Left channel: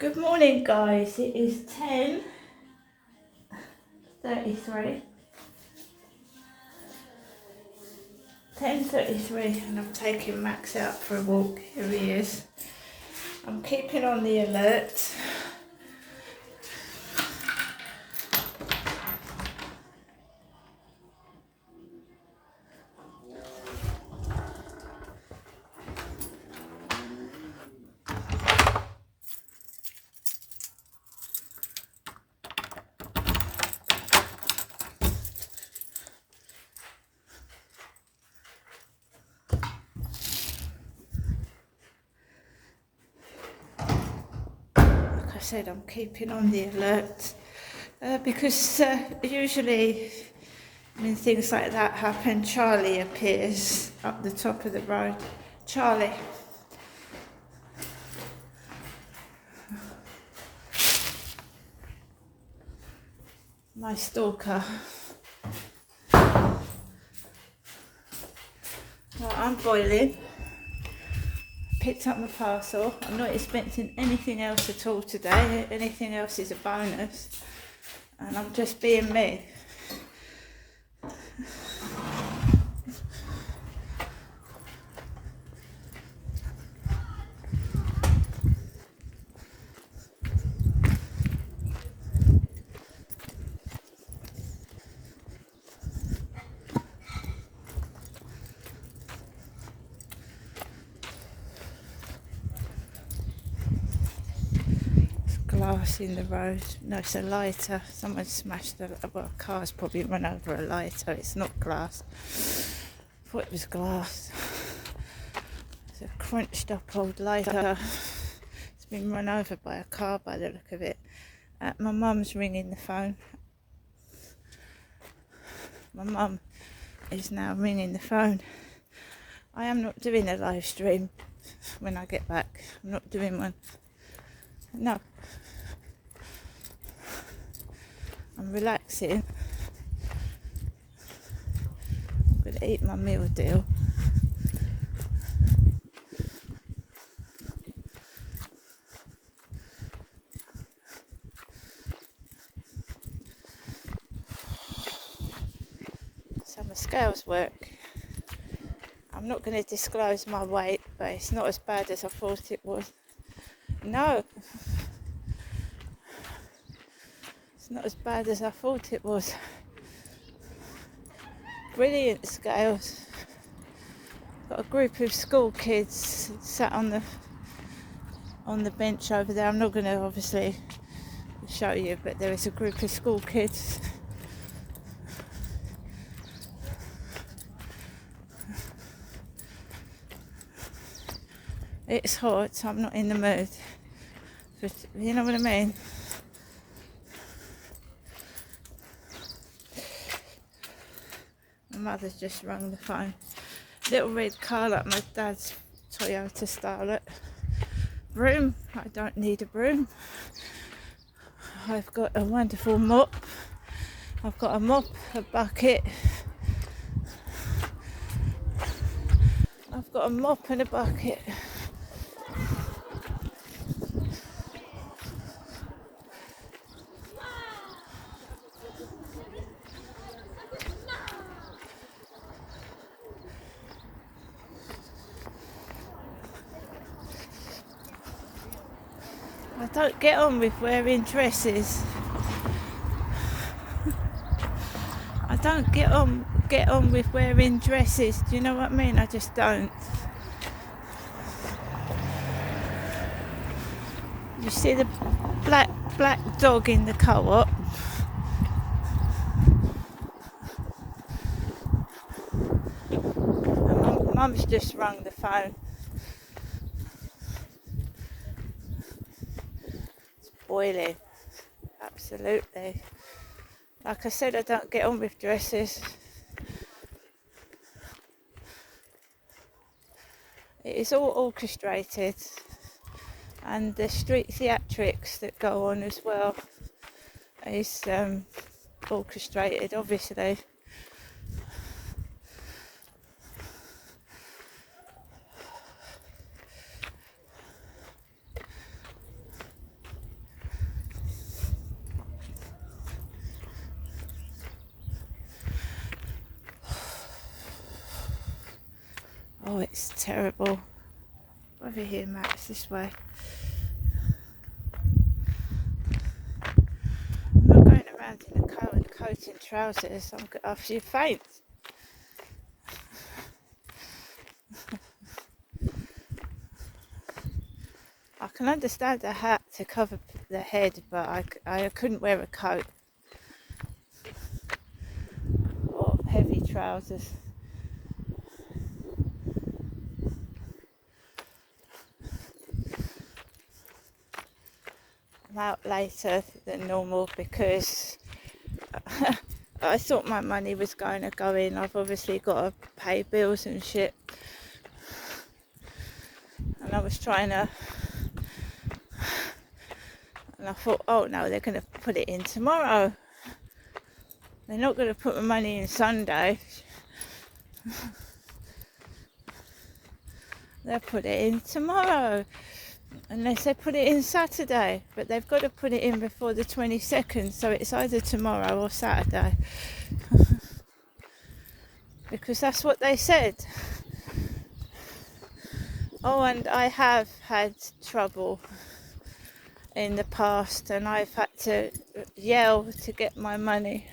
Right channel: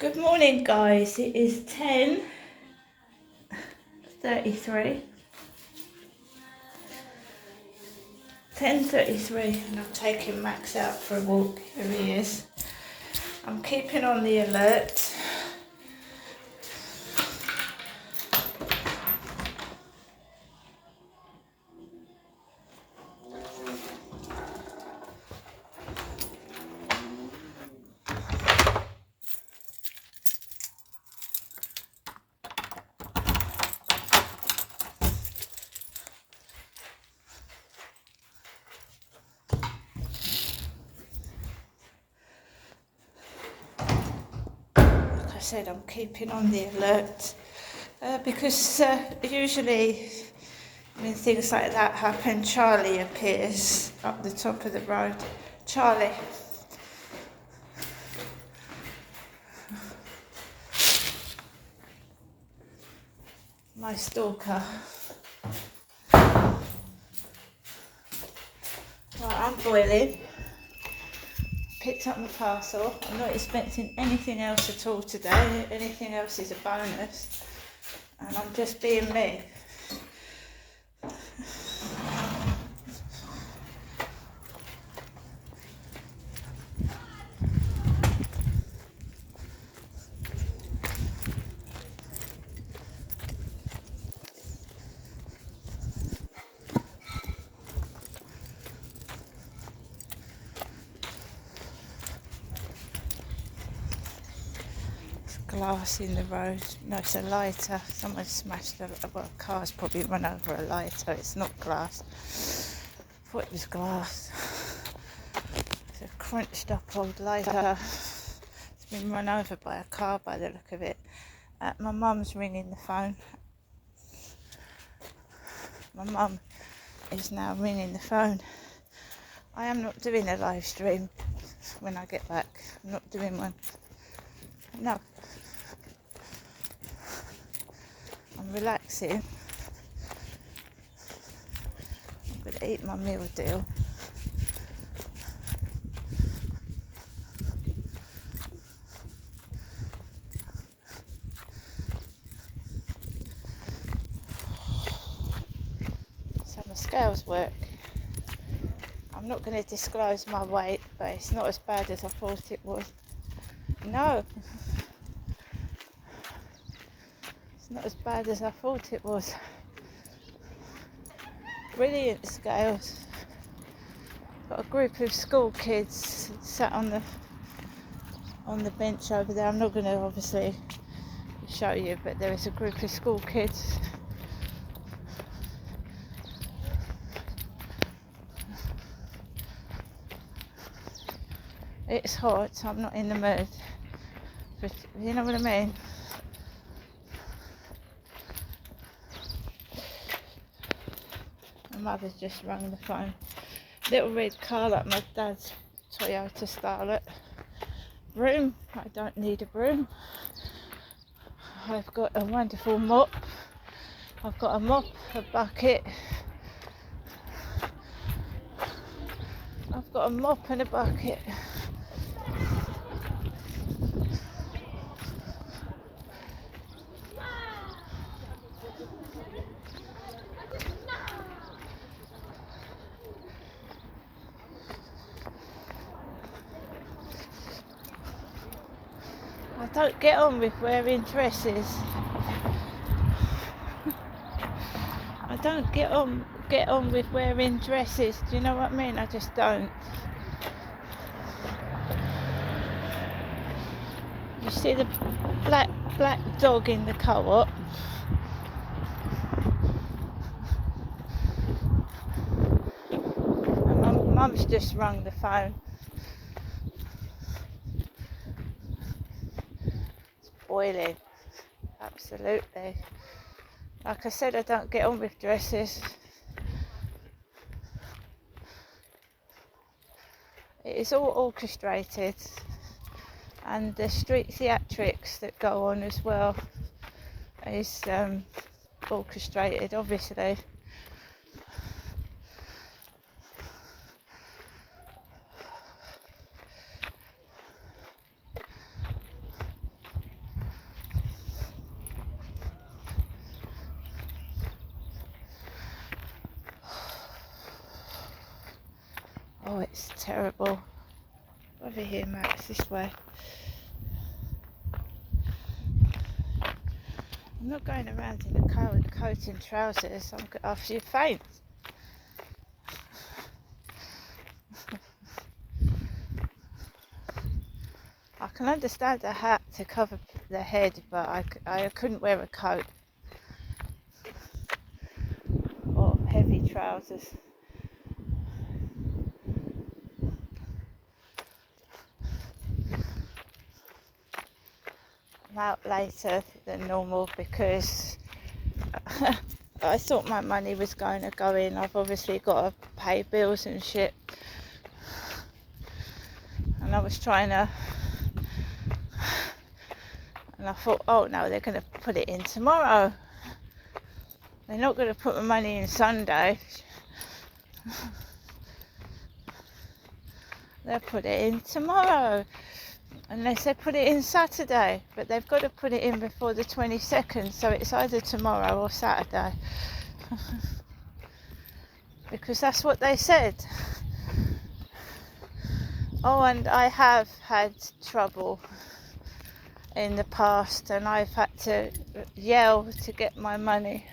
Good morning, guys. It is 10:33. 10:33, and I'm taking Max out for a walk. Here he is. I'm keeping on the alert. Like I said, I'm keeping on the alert because usually when things like that happen, Charlie appears up the top of the road. Charlie. My stalker. Right, I'm boiling. Picked up my parcel. I'm not expecting anything else at all today. Anything else is a bonus. And I'm just being me. Glass in the road. No, it's a lighter. Someone smashed a car's probably run over a lighter. It's not glass. I thought it was glass. It's a crunched up old lighter. It's been run over by a car by the look of it. My mum's ringing the phone. My mum is now ringing the phone. I am not doing a live stream when I get back. I'm not doing one. No. I'm relaxing. I'm going to eat my meal deal. So my scales work. I'm not going to disclose my weight, but it's not as bad as I thought it was. No. It's not as bad as I thought it was. Brilliant scales. Got a group of school kids sat on the bench over there. I'm not going to obviously show you, but there is a group of school kids. It's hot, so I'm not in the mood. But you know what I mean? My mother's just rung the phone. Little red car like my dad's Toyota Starlet. Broom, I don't need a broom. I've got a wonderful mop. I've got a mop, a bucket. I've got a mop and a bucket. I don't get on with wearing dresses. I don't get on with wearing dresses. Do you know what I mean? I just don't. You see the black dog in the co-op? Mum's just rung the phone. It's boiling. Absolutely. Like I said, I don't get on with dresses. It is all orchestrated, and the street theatrics that go on as well is orchestrated, obviously. Oh, it's terrible. Over here, Max, this way. I'm not going around in a coat and trousers. I'm after you faint. I can understand a hat to cover the head, but I couldn't wear a coat or heavy trousers. I'm out later than normal because I thought my money was going to go in. I've obviously got to pay bills and shit. And I was trying to... And I thought, oh no, they're going to put it in tomorrow. They're not going to put my money in Sunday. They'll put it in tomorrow. Unless they put it in Saturday. But they've got to put it in before the 22nd. So it's either tomorrow or Saturday. Because that's what they said. Oh, and I have had trouble in the past, and I've had to yell to get my money.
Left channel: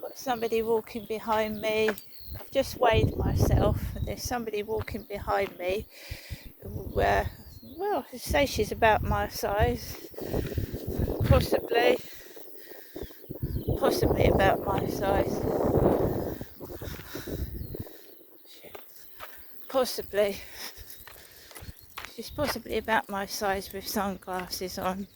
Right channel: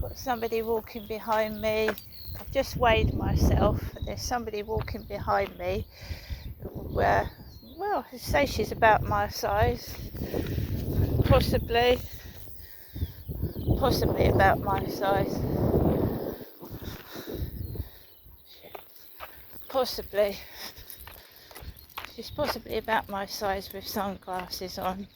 Got somebody walking behind me. I've just weighed myself. There's somebody walking behind me. Well, I say she's about my size. Possibly about my size. Possibly. She's possibly about my size with sunglasses on.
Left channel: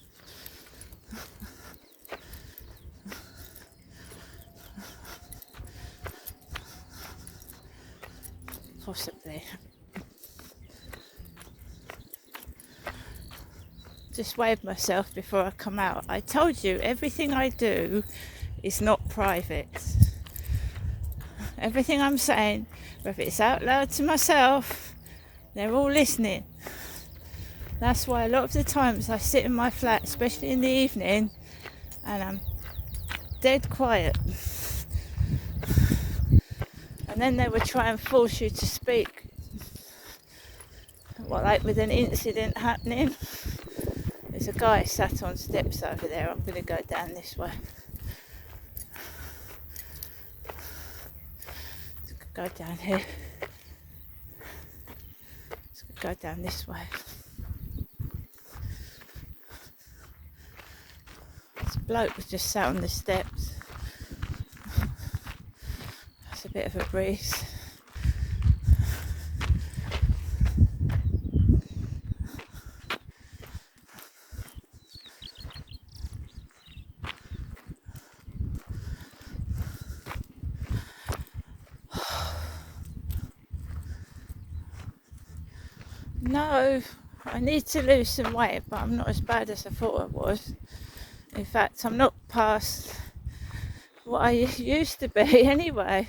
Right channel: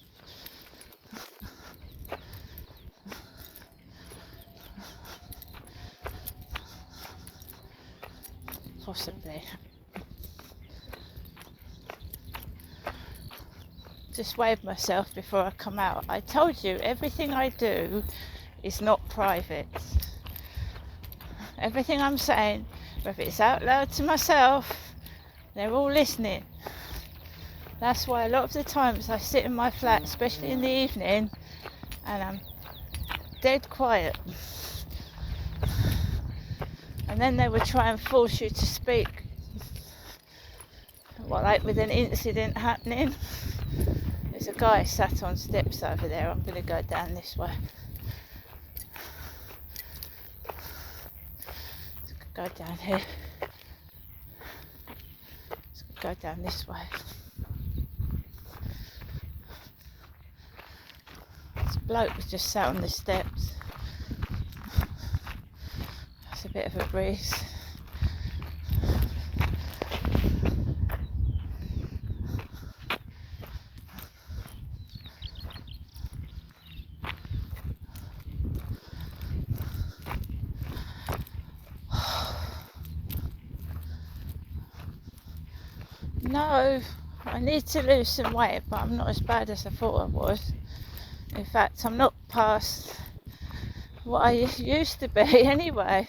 Possibly. Just weighed myself before I come out. I told you, everything I do is not private. Everything I'm saying, whether it's out loud to myself, they're all listening. That's why a lot of the times I sit in my flat, especially in the evening, and I'm dead quiet. And then they would try and force you to speak. What, like with an incident happening? There's a guy sat on steps over there. I'm going to go down this way. Go down here. Let's go down this way. This bloke was just sat on the steps. That's a bit of a breeze. No, I need to lose some weight, but I'm not as bad as I thought I was. In fact, I'm not past what I used to be anyway.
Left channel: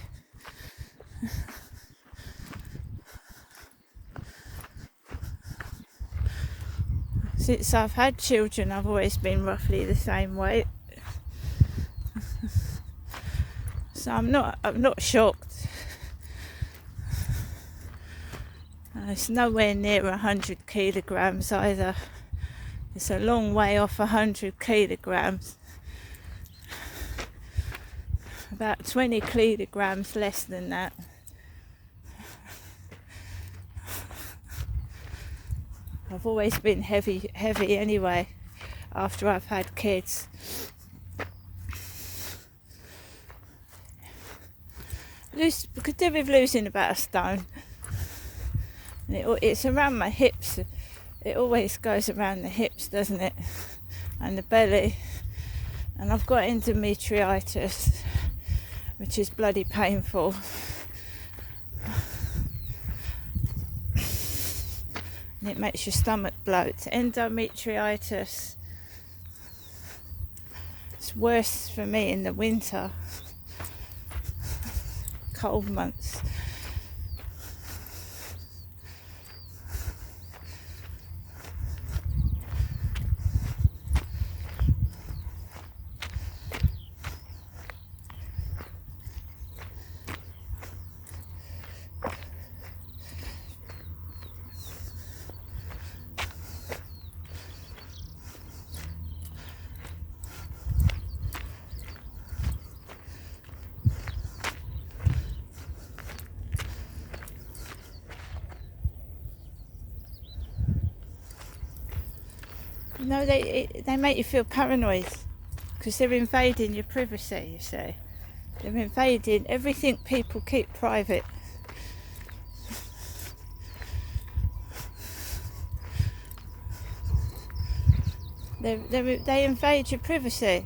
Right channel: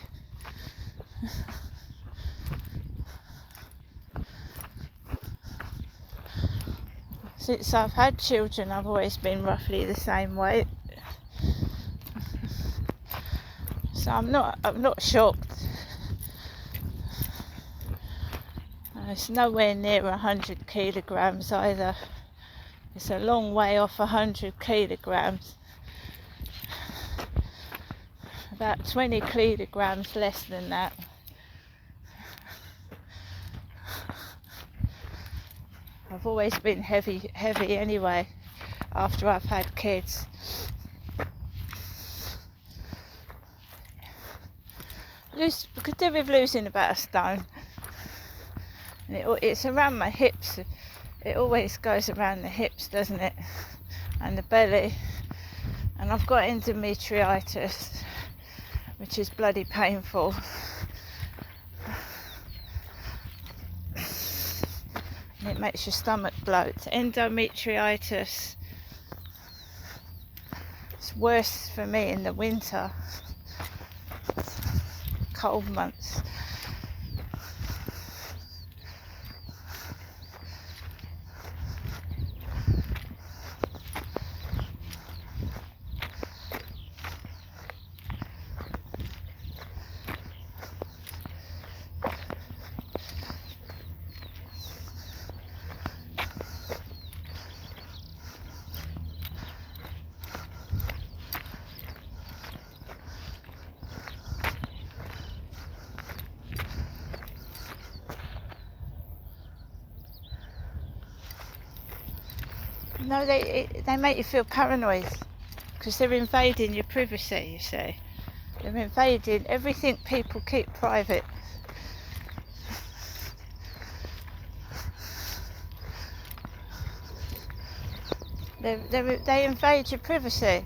Since I've had children, I've always been roughly the same weight. So I'm not shocked. It's nowhere near 100 kilograms either. It's a long way off 100 kilograms. About 20 kilograms less than that. I've always been heavy anyway, after I've had kids. Could do with losing about a stone. And it's around my hips. It always goes around the hips, doesn't it? And the belly. And I've got endometritis, which is bloody painful. And it makes your stomach bloat. Endometritis. It's worse for me in the winter, cold months. No, they make you feel paranoid because they're invading your privacy, you see. They're invading everything people keep private. They invade your privacy.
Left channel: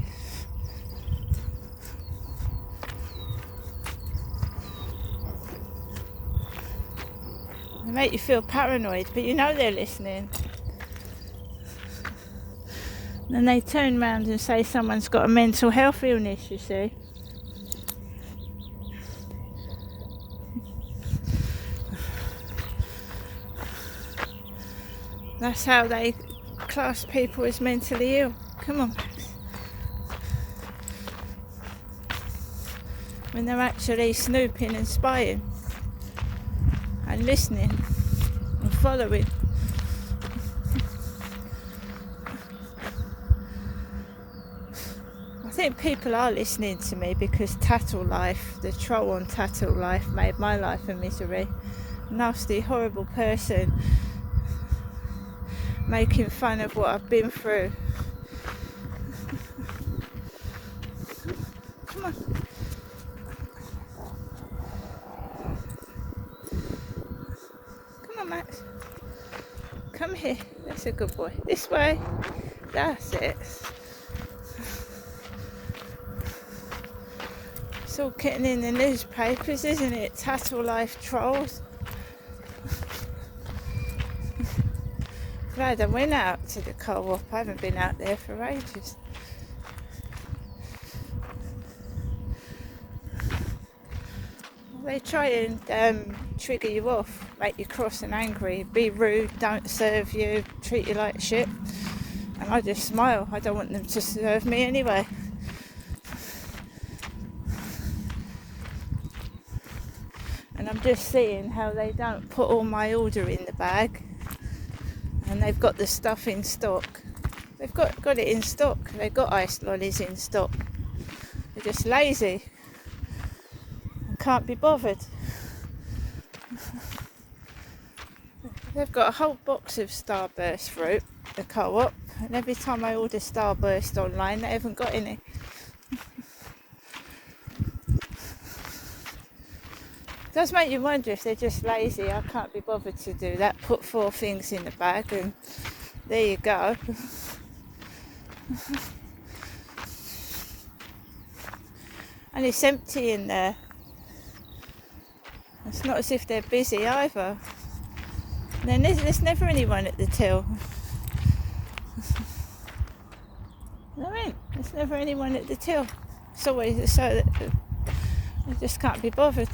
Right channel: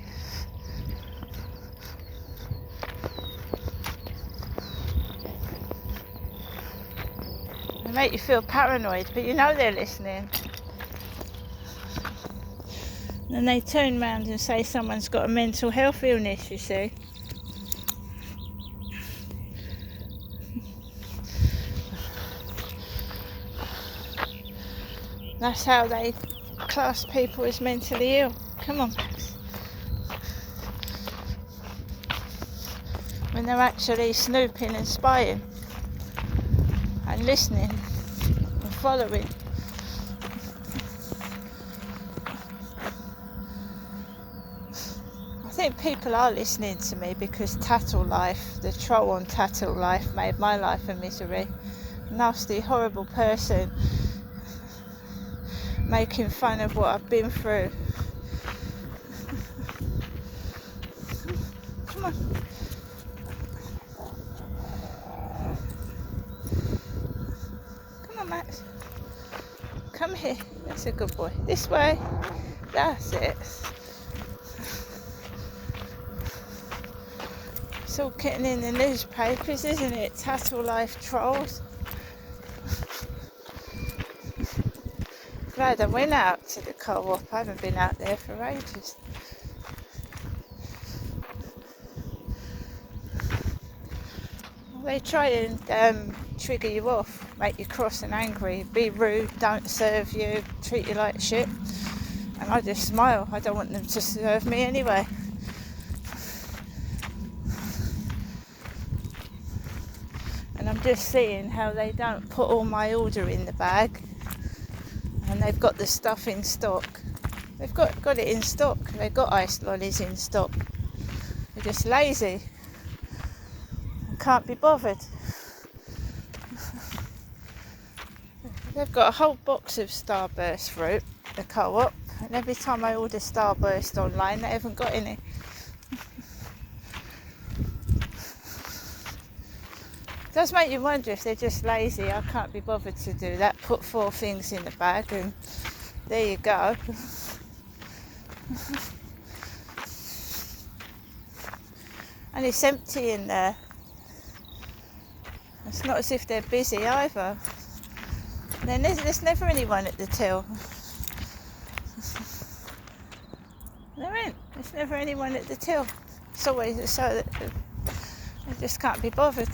They make you feel paranoid, but you know they're listening. And they turn around and say someone's got a mental health illness, you see. That's how they class people as mentally ill. Come on, Max. When they're actually snooping and spying and listening and following. I think people are listening to me because Tattle Life, the troll on Tattle Life, made my life a misery. Nasty, horrible person making fun of what I've been through. Come on. Come on, Max. Come here. That's a good boy. This way. That's it. It's all getting in the newspapers, isn't it? Tattle Life trolls. Glad I went out to the co-op. I haven't been out there for ages. They try and trigger you off, make you cross and angry, be rude, don't serve you, treat you like shit. And I just smile. I don't want them to serve me anyway. And I'm just seeing how they don't put all my order in the bag. And they've got the stuff in stock. They've got it in stock. They've got ice lollies in stock. They're just lazy and can't be bothered. They've got a whole box of Starburst fruit, the co-op, and every time I order Starburst online, they haven't got any. It does make you wonder if they're just lazy. I can't be bothered to do that. Put 4 things in the bag and there you go. And it's empty in there. It's not as if they're busy either. Then there's never anyone at the till. There ain't. There's never anyone at the till. It's always so that they just can't be bothered.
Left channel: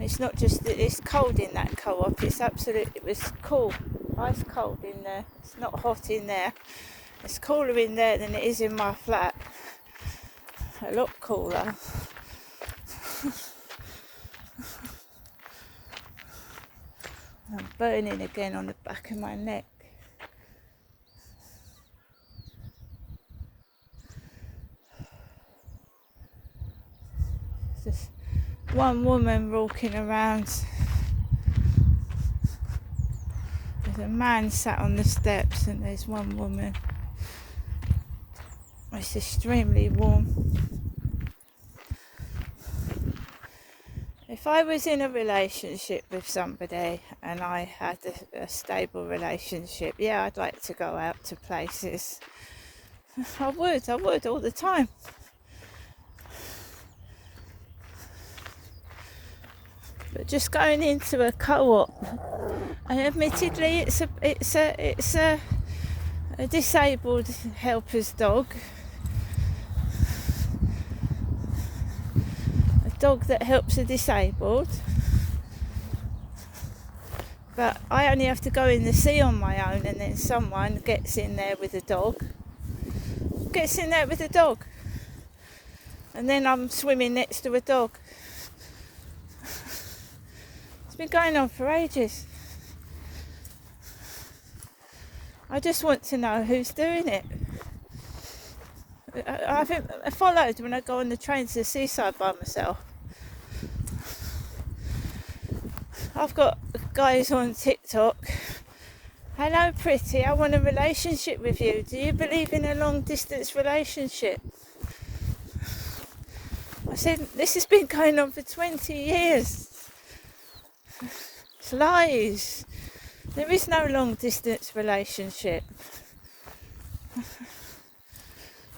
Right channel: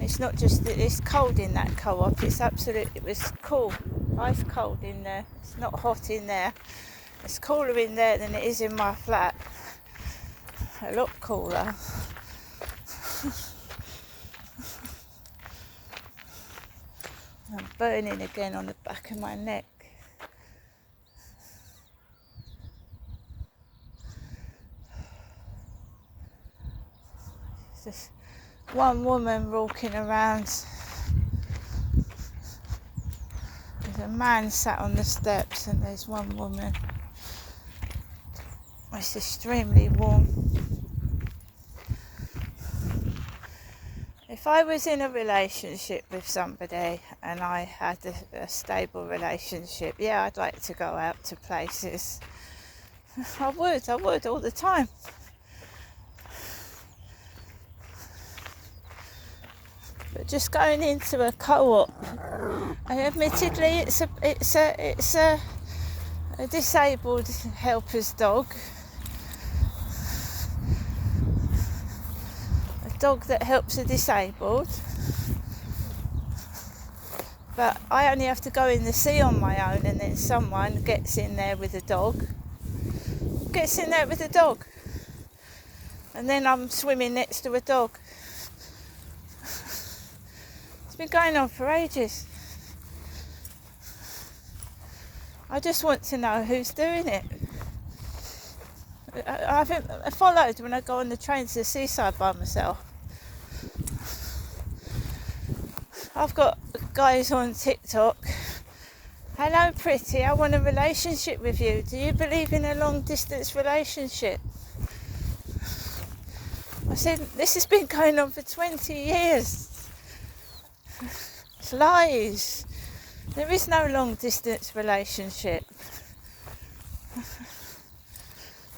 It's not just that it's cold in that co-op, it was cool, ice cold in there. It's not hot in there. It's cooler in there than it is in my flat. A lot cooler. I'm burning again on the back of my neck. There's one woman walking around. There's a man sat on the steps and there's one woman. It's extremely warm. If I was in a relationship with somebody and I had a stable relationship, yeah, I'd like to go out to places. I would all the time. But just going into a co-op, and admittedly it's a disabled helper's dog, a dog that helps the disabled, but I only have to go in the sea on my own, and then someone gets in there with a dog, and then I'm swimming next to a dog. It's been going on for ages. I just want to know who's doing it. I followed when I go on the train to the seaside by myself. I've got guys on TikTok. Hello pretty, I want a relationship with you. Do you believe in a long distance relationship? I said, this has been going on for 20 years. It's lies. There is no long distance relationship.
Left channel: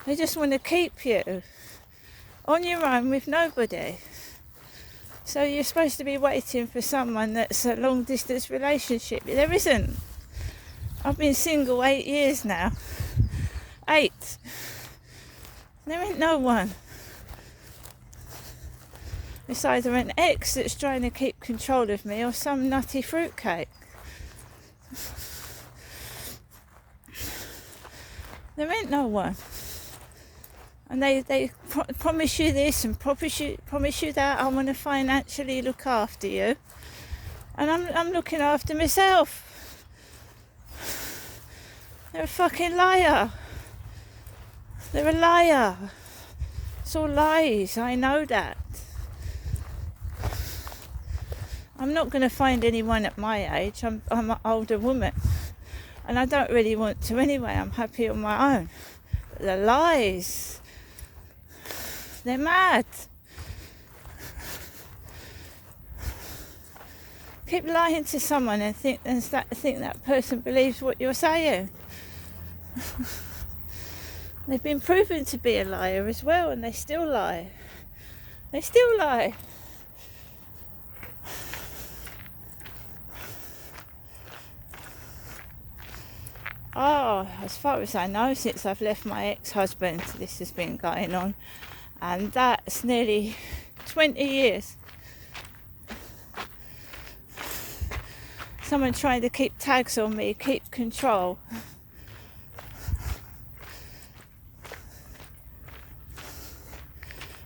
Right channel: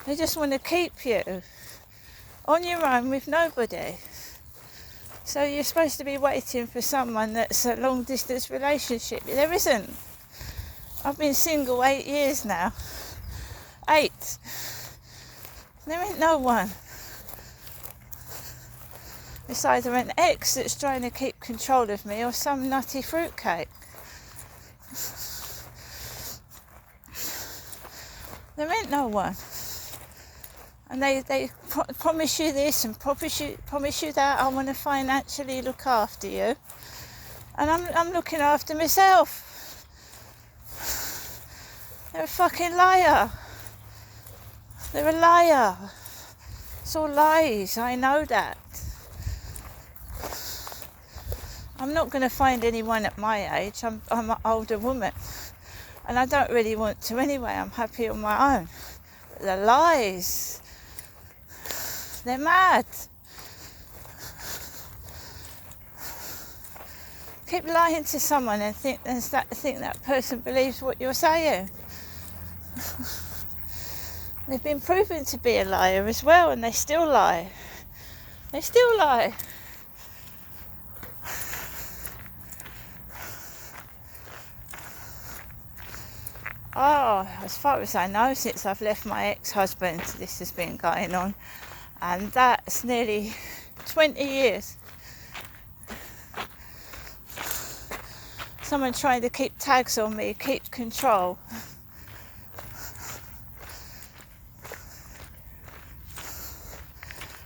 They just want to keep you on your own with nobody. So you're supposed to be waiting for someone that's a long distance relationship. There isn't. I've been single 8 years now. 8. There ain't no one. It's either an ex that's trying to keep control of me or some nutty fruitcake. There ain't no one. And they promise you this and promise you that. I want to financially look after you. And I'm looking after myself. They're a fucking liar. They're a liar. It's all lies, I know that. I'm not going to find anyone at my age. I'm an older woman. And I don't really want to anyway. I'm happy on my own. But the lies. They're mad. Keep lying to someone and think that person believes what you're saying. They've been proven to be a liar as well, and they still lie. They still lie. Oh, as far as I know, since I've left my ex-husband, this has been going on. And that's nearly 20 years. Someone trying to keep tags on me, keep control.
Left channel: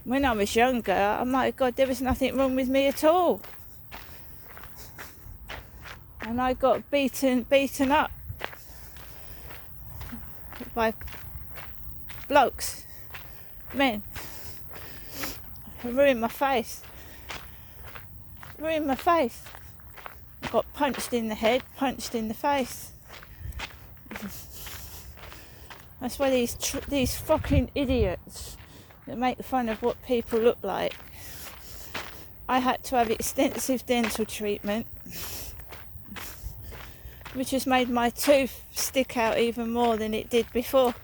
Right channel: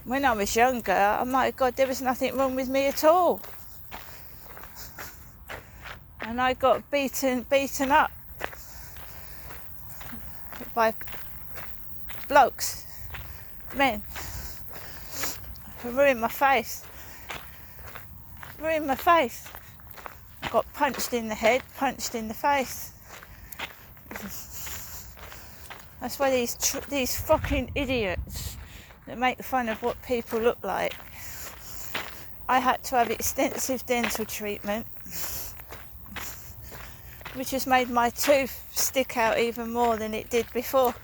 When I was younger, oh my God, there was nothing wrong with me at all. And I got beaten up by blokes, men. Ruined my face. I got punched in the head, punched in the face. That's why these fucking idiots that make fun of what people look like. I had to have extensive dental treatment, which has made my tooth stick out even more than it did before.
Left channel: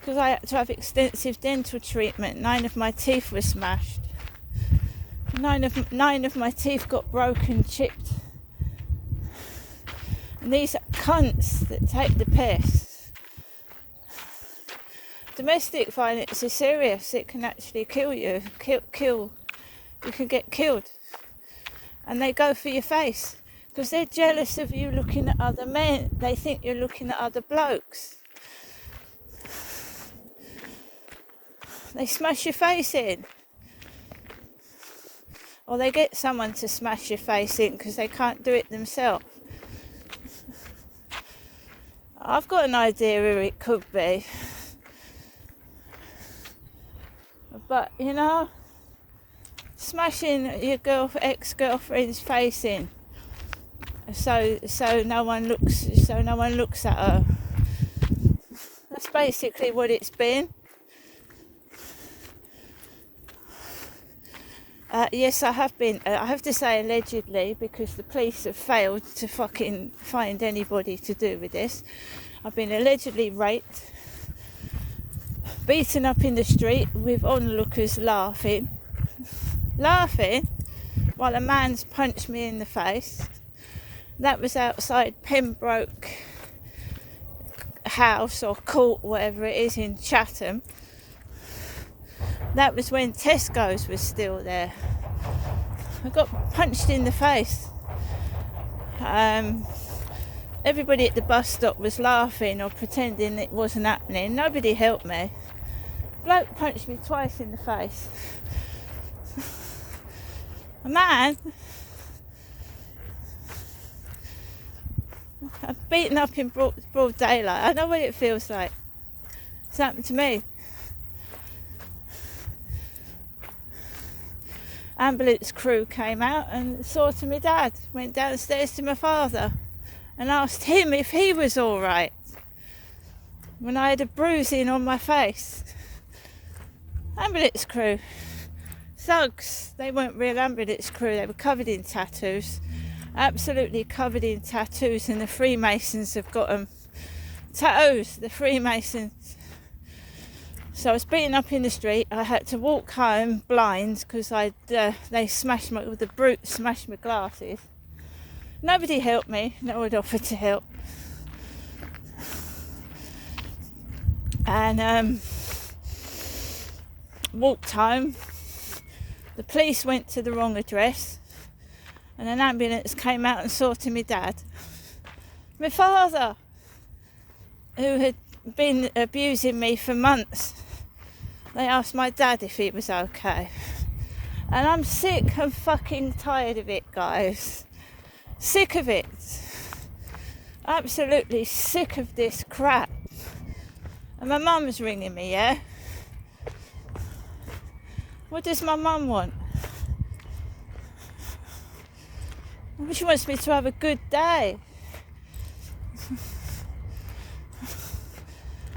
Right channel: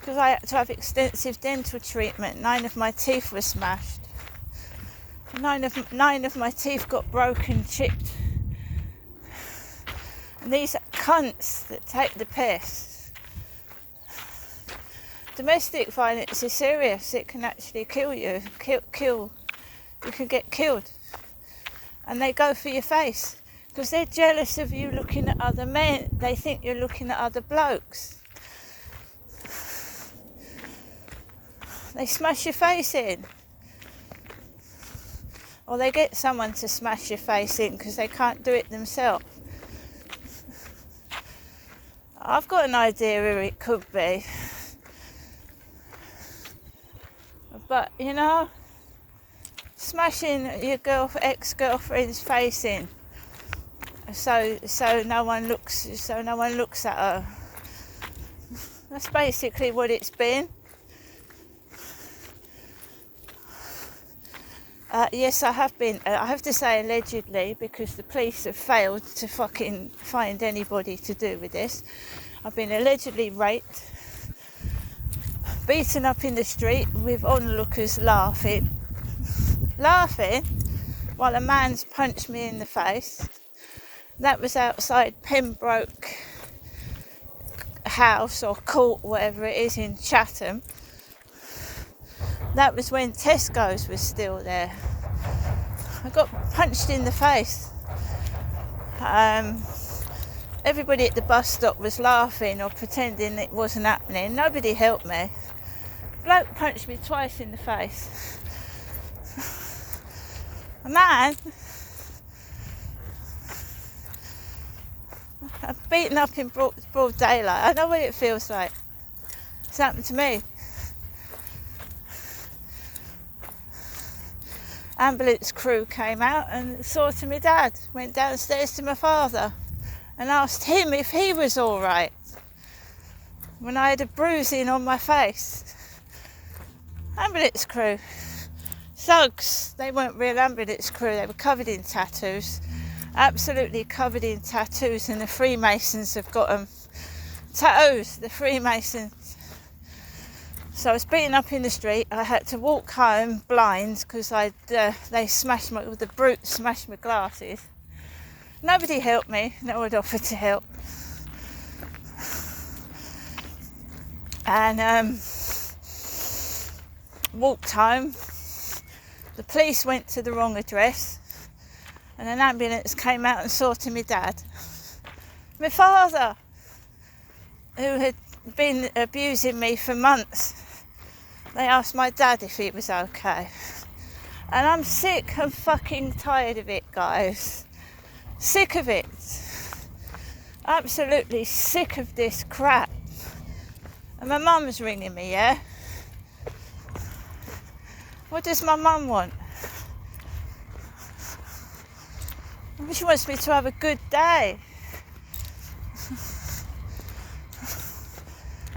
Because I had to have extensive dental treatment. 9 of my teeth were smashed. 9 of my teeth got broken, chipped. And these are cunts that take the piss. Domestic violence is serious. It can actually kill you. Kill. You can get killed. And they go for your face. Because they're jealous of you looking at other men. They think you're looking at other blokes. They smash your face in. Or they get someone to smash your face in because they can't do it themselves. I've got an idea who it could be. But, you know, smashing your ex-girlfriend's face in so no one looks at her. That's basically what it's been. Yes, I have been. I have to say allegedly, because the police have failed to fucking find anybody to do with this. I've been allegedly raped, beaten up in the street with onlookers laughing while a man's punched me in the face. That was outside Pembroke house or court, whatever it is, in Chatham. That was when Tesco's was still there. I got punched in the face. Everybody at the bus stop was laughing or pretending it wasn't happening. Nobody helped me. Bloke punched me twice in the face. A man, I'm beaten up in broad daylight. I know what it feels like. It's happened to me. Ambulance crew came out and saw to my dad. Went downstairs to my father and asked him if he was all right when I had a bruising on my face. Ambulance crew. Thugs. They weren't real ambulance crew. They were covered in tattoos. Absolutely covered in tattoos, and the Freemasons have got them. Tattoos, the Freemasons. So I was beaten up in the street. I had to walk home blind because they smashed the brute smashed my glasses. Nobody helped me. No one offered to help. And walked home. The police went to the wrong address, and an ambulance came out and saw to my dad. My father, who had been abusing me for months, they asked my dad if he was okay. And I'm sick and fucking tired of it, guys. Sick of it. Absolutely sick of this crap. And my mum's ringing me, yeah? What does my mum want? She wants me to have a good day.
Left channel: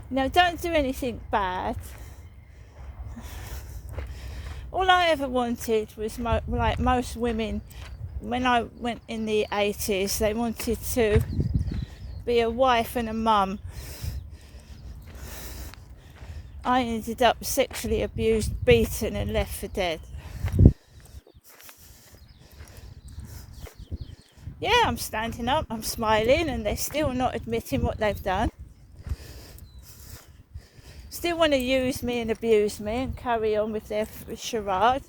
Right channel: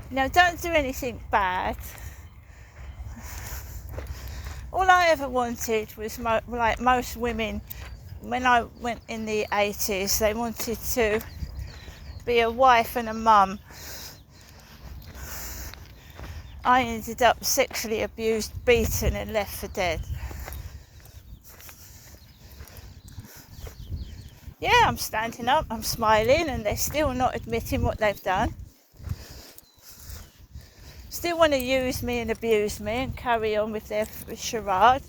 Now, don't do anything bad. All I ever wanted was, like most women, when I went in the 80s, they wanted to be a wife and a mum. I ended up sexually abused, beaten and left for dead. Yeah, I'm standing up, I'm smiling, and they're still not admitting what they've done. Still want to use me and abuse me and carry on with their charade.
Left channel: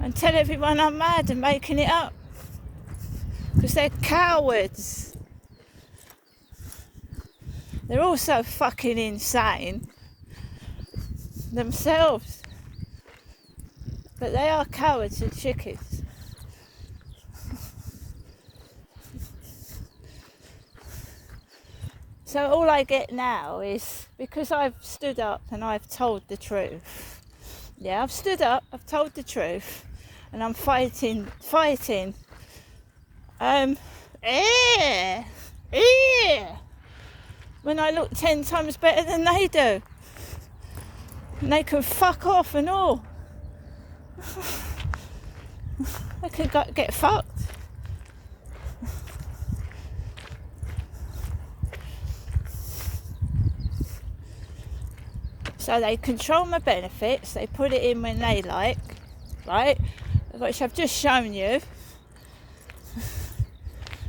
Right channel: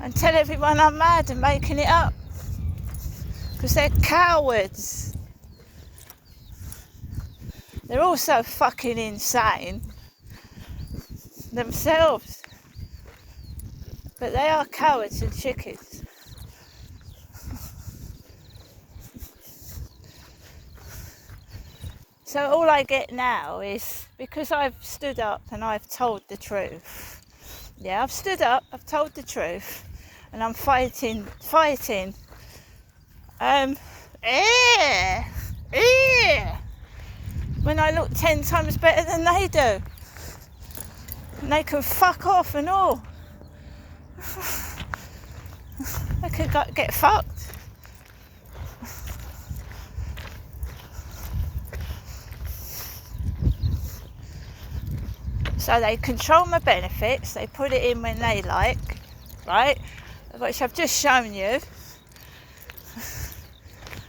And tell everyone I'm mad and making it up. Because they're cowards. They're also fucking insane themselves. But they are cowards and chickens. So all I get now is, because I've stood up and I've told the truth. Yeah, I've stood up, I've told the truth, and I'm fighting. When I look 10 times better than they do. And they can fuck off and all. They can get fucked. So they control my benefits, they put it in when they like, right? Which I've just shown you.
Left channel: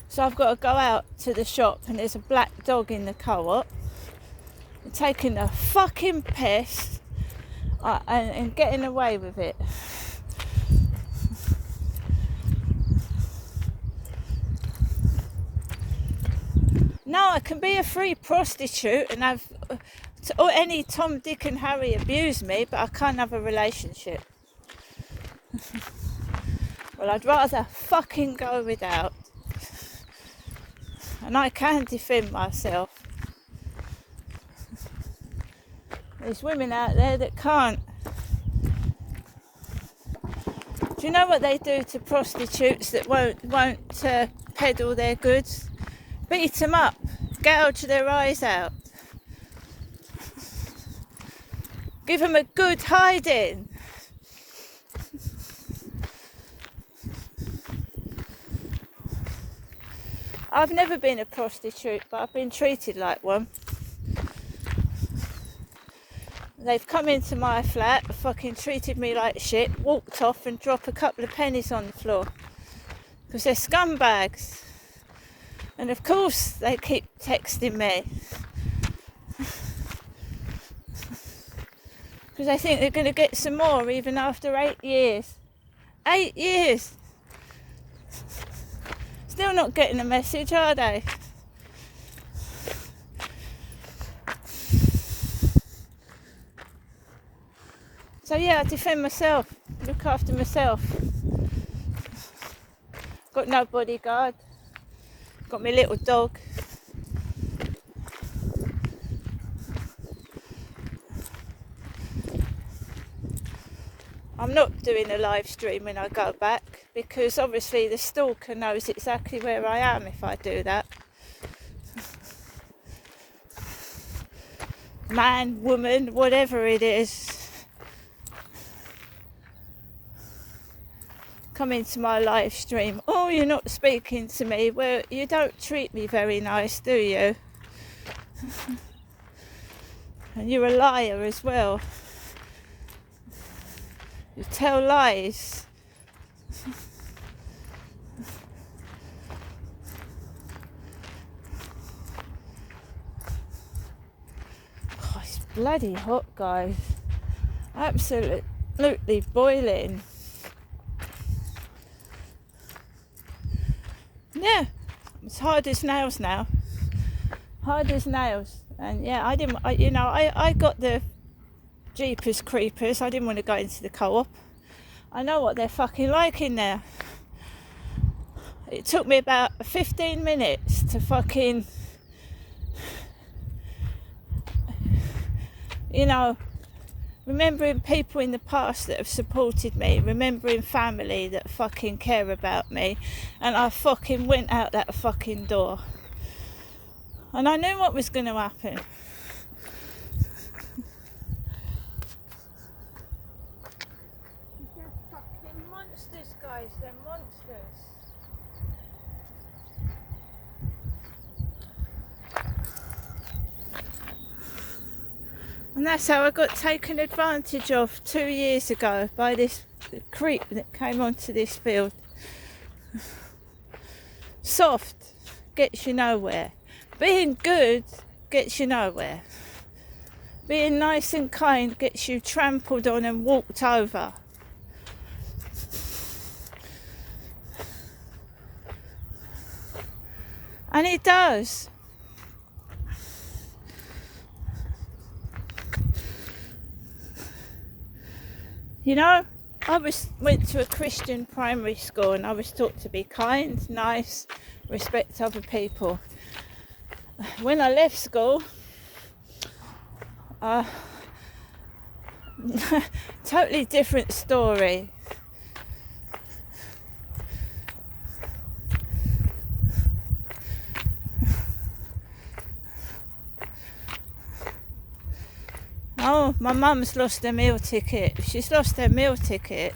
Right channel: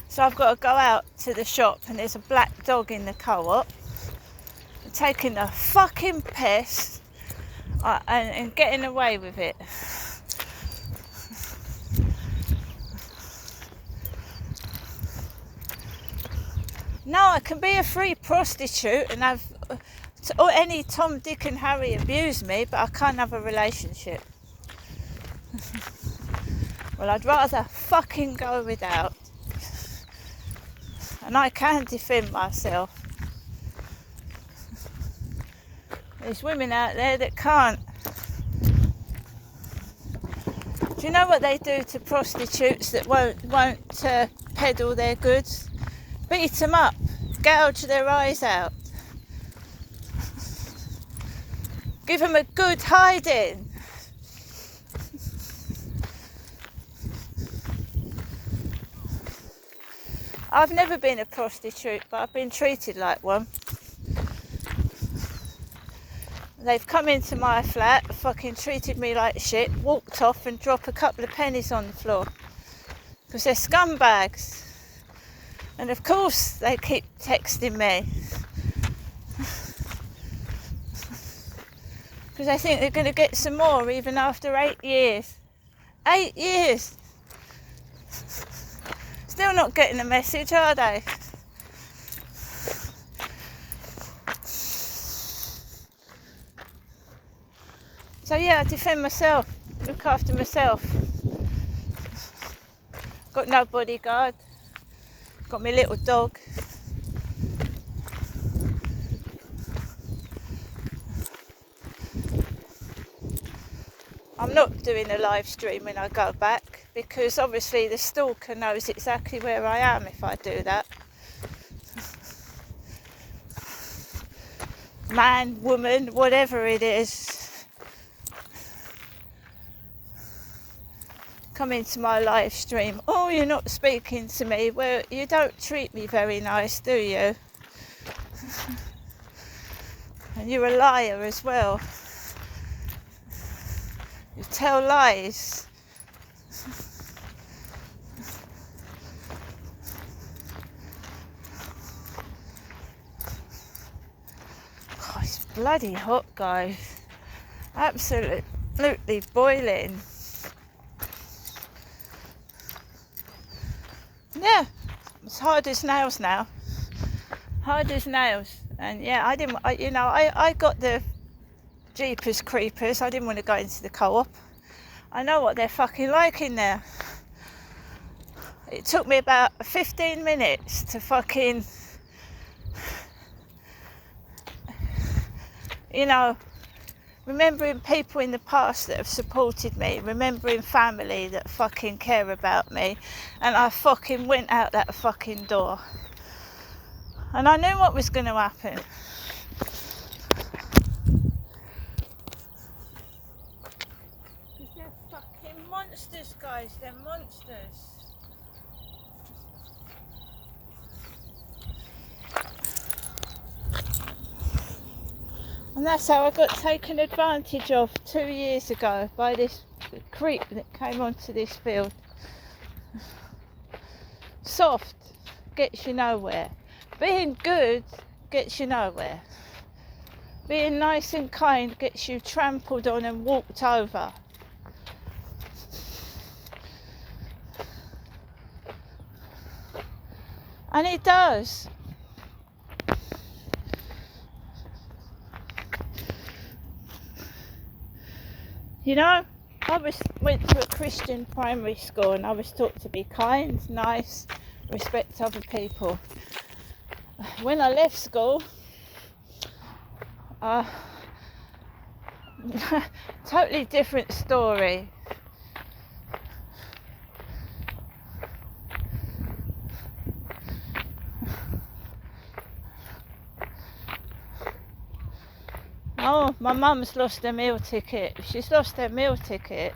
So I've got to go out to the shop and there's a black dog in the co-op. I'm taking the fucking piss and getting away with it. No, I can be a free prostitute and have any Tom, Dick and Harry abuse me, but I can't have a relationship. Well, I'd rather fucking go without. And I can defend myself. There's women out there that can't. Do you know what they do to prostitutes that won't peddle their goods? Beat them up, gouge their eyes out. Give them a good hiding. I've never been a prostitute, but I've been treated like one. They've come into my flat, fucking treated me like shit, walked off and dropped a couple of pennies on the floor. because they're scumbags. And of course they keep texting me. Because they think they're going to get some more even after 8 years. 8 years! Still not getting the message, are they? So yeah, I defend myself, look after myself. Got no bodyguard. Got my little dog. I'm not doing a live stream when I go back because obviously the stalker knows exactly where I am if I do that. Man, woman, whatever it is, come into my live stream. Oh, you're not speaking to me. Well, you don't treat me very nice, do you? And you're a liar as well. You tell lies. Oh, it's bloody hot, guys. Absolutely boiling. Yeah, it's hard as nails now. Hard as nails. And yeah, I got the Jeepers Creepers. I didn't want to go into the co-op. I know what they're fucking like in there. It took me about 15 minutes to fucking, remembering people in the past that have supported me, remembering family that fucking care about me, and I fucking went out that fucking door. And I knew what was going to happen. They're fucking monsters, guys. They're monsters. And that's how I got taken advantage of 2 years ago by this creep that came onto this field. Soft gets you nowhere. Being good gets you nowhere. Being nice and kind gets you trampled on and walked over. And it does. I went to a Christian primary school and I was taught to be kind, nice, respect other people. When I left school, totally different story. Oh, my mum's lost her meal ticket. She's lost her meal ticket.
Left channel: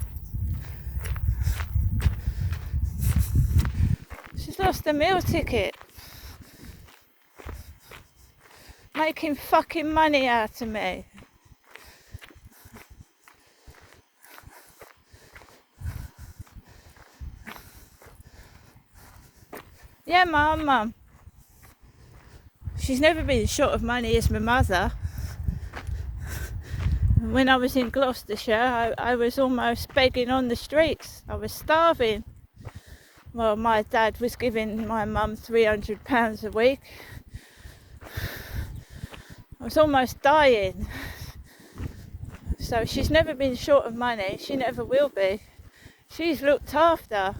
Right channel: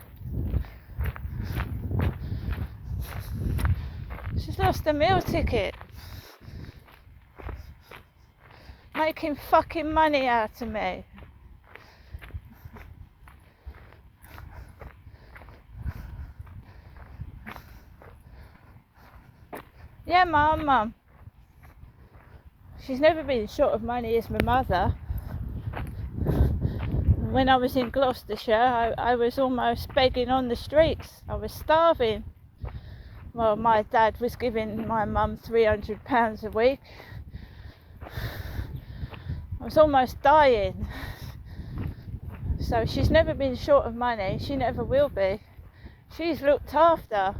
She's lost her meal ticket. Making fucking money out of me. Yeah, my mum. She's never been short of money as my mother. When I was in Gloucestershire, I was almost begging on the streets. I was starving. Well, my dad was giving my mum £300 a week. I was almost dying. So she's never been short of money. She never will be. She's looked after.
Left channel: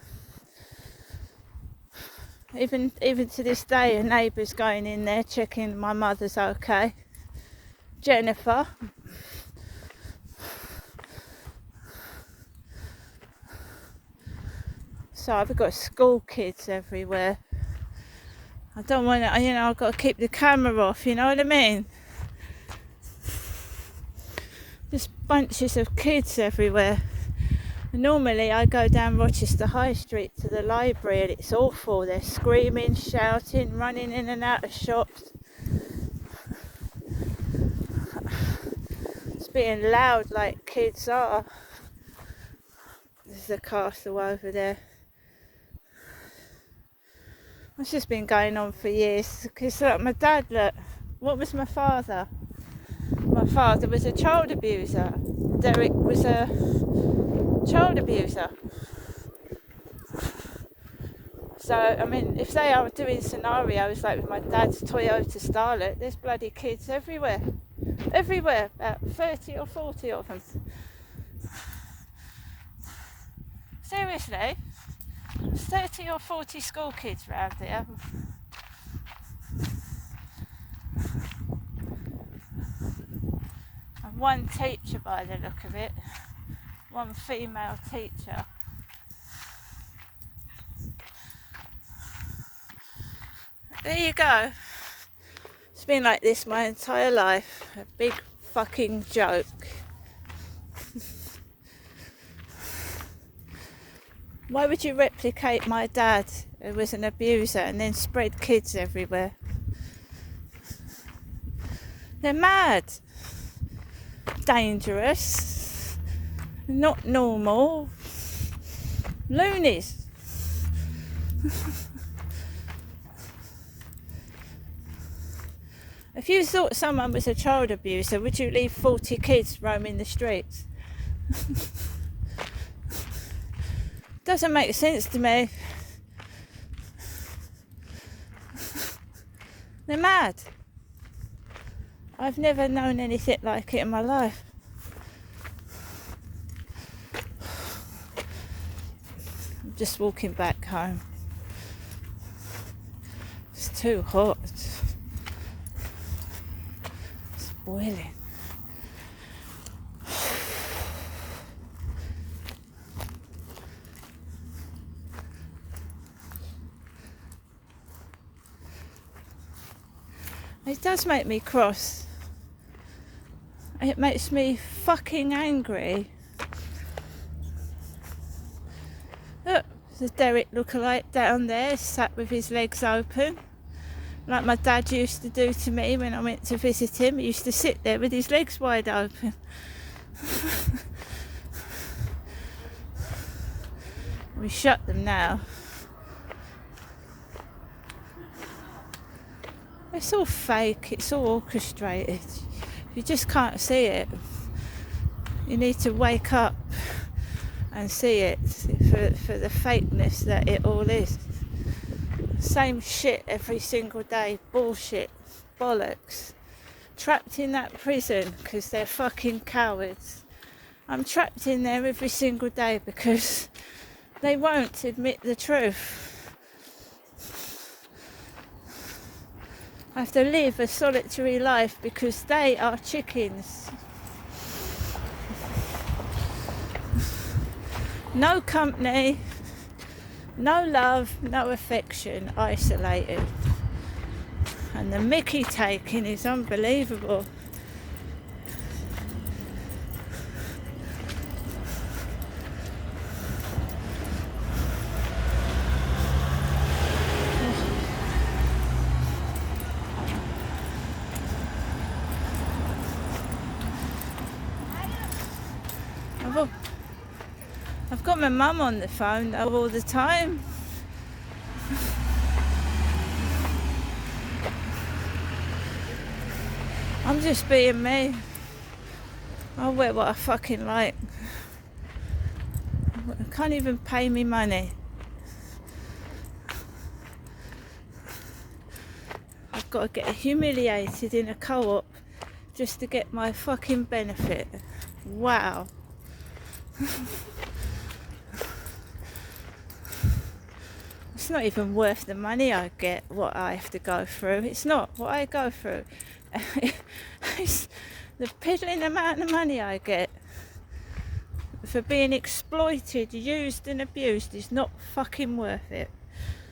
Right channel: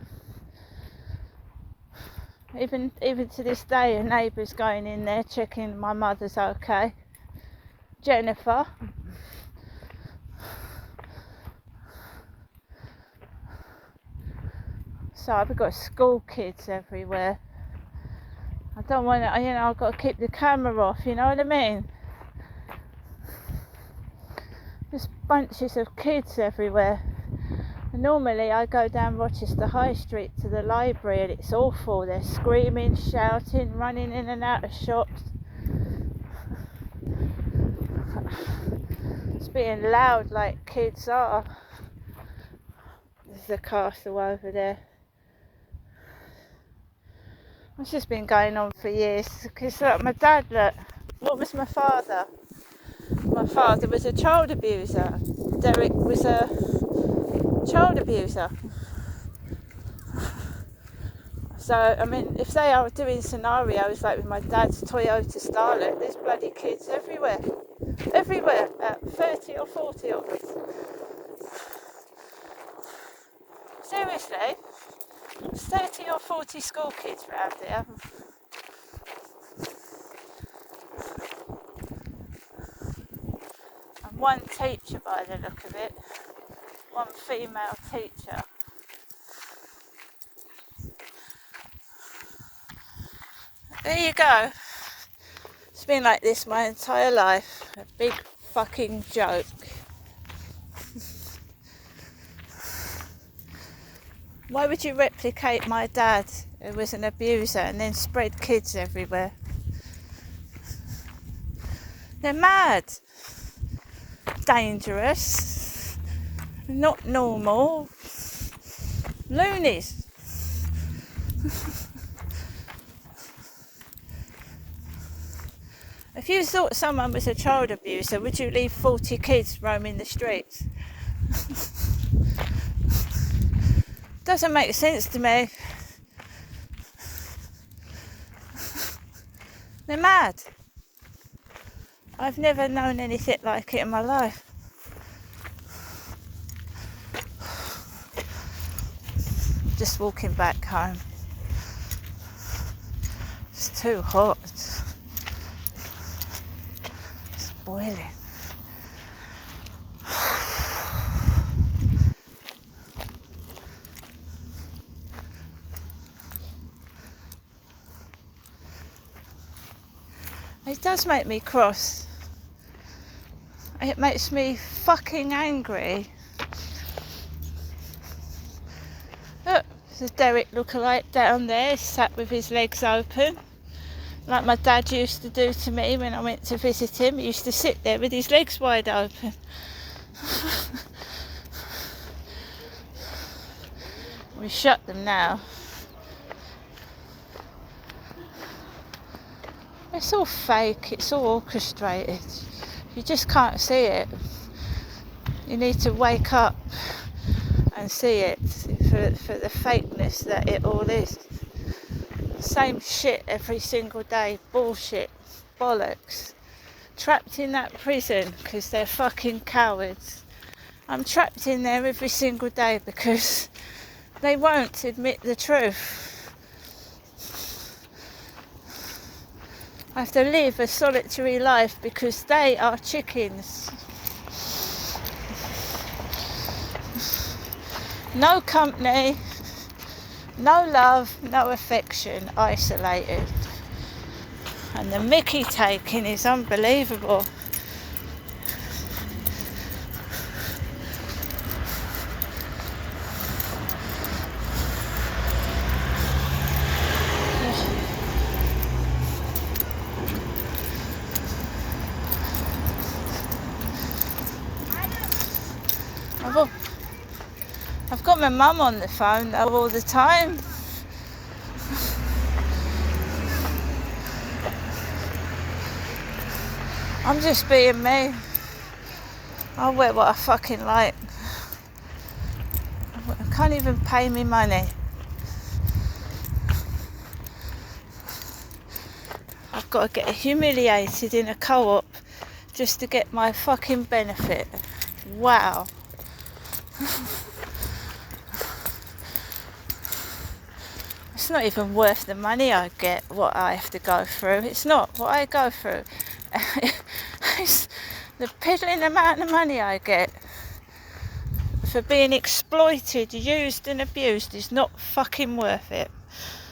Even to this day, a neighbour's going in there checking my mother's okay. Jennifer. So I've got school kids everywhere. I don't want to, I've got to keep the camera off, you know what I mean? Just bunches of kids everywhere. And normally I go down Rochester High Street to the library and it's awful. They're screaming, shouting, running in and out of shops. It's being loud like kids are. There's a castle over there. It's just been going on for years. Because look, my dad, look, what was my father? My father was a child abuser. Derek was a child abuser. So, I mean, if they are doing scenarios like with my dad's Toyota Starlet, there's bloody kids everywhere. Everywhere. 30 or 40 of us. Seriously? 30 or 40 school kids around here. And one teacher by the look of it. One female teacher. There you go. It's been like this my entire life. A big fucking joke. Why would you replicate my dad, who was an abuser, and then spread kids everywhere? They're mad. Dangerous. Not normal. Loonies. If you thought someone was a child abuser, would you leave 40 kids roaming the streets? Doesn't make sense to me. They're mad. I've never known anything like it in my life. I'm just walking back home. It's too hot. It's boiling. It does make me cross. It makes me fucking angry. Look, there's a Derek lookalike down there, sat with his legs open. Like my dad used to do to me when I went to visit him. He used to sit there with his legs wide open. We shut them now. It's all fake, it's all orchestrated. You just can't see it. You need to wake up and see it for the fakeness that it all is. Same shit every single day, bullshit, bollocks. Trapped in that prison because they're fucking cowards. I'm trapped in there every single day because they won't admit the truth. I have to live a solitary life because they are chickens. No company, no love, no affection, isolated. And the mickey taking is unbelievable. I've got my mum on the phone though all the time. I'm just being me. I'll wear what I fucking like. I can't even pay me money. I've got to get humiliated in a co-op just to get my fucking benefit. Wow. It's not even worth the money I get, what I have to go through. It's not what I go through. It's the piddling amount of money I get for being exploited, used and abused is not fucking worth it.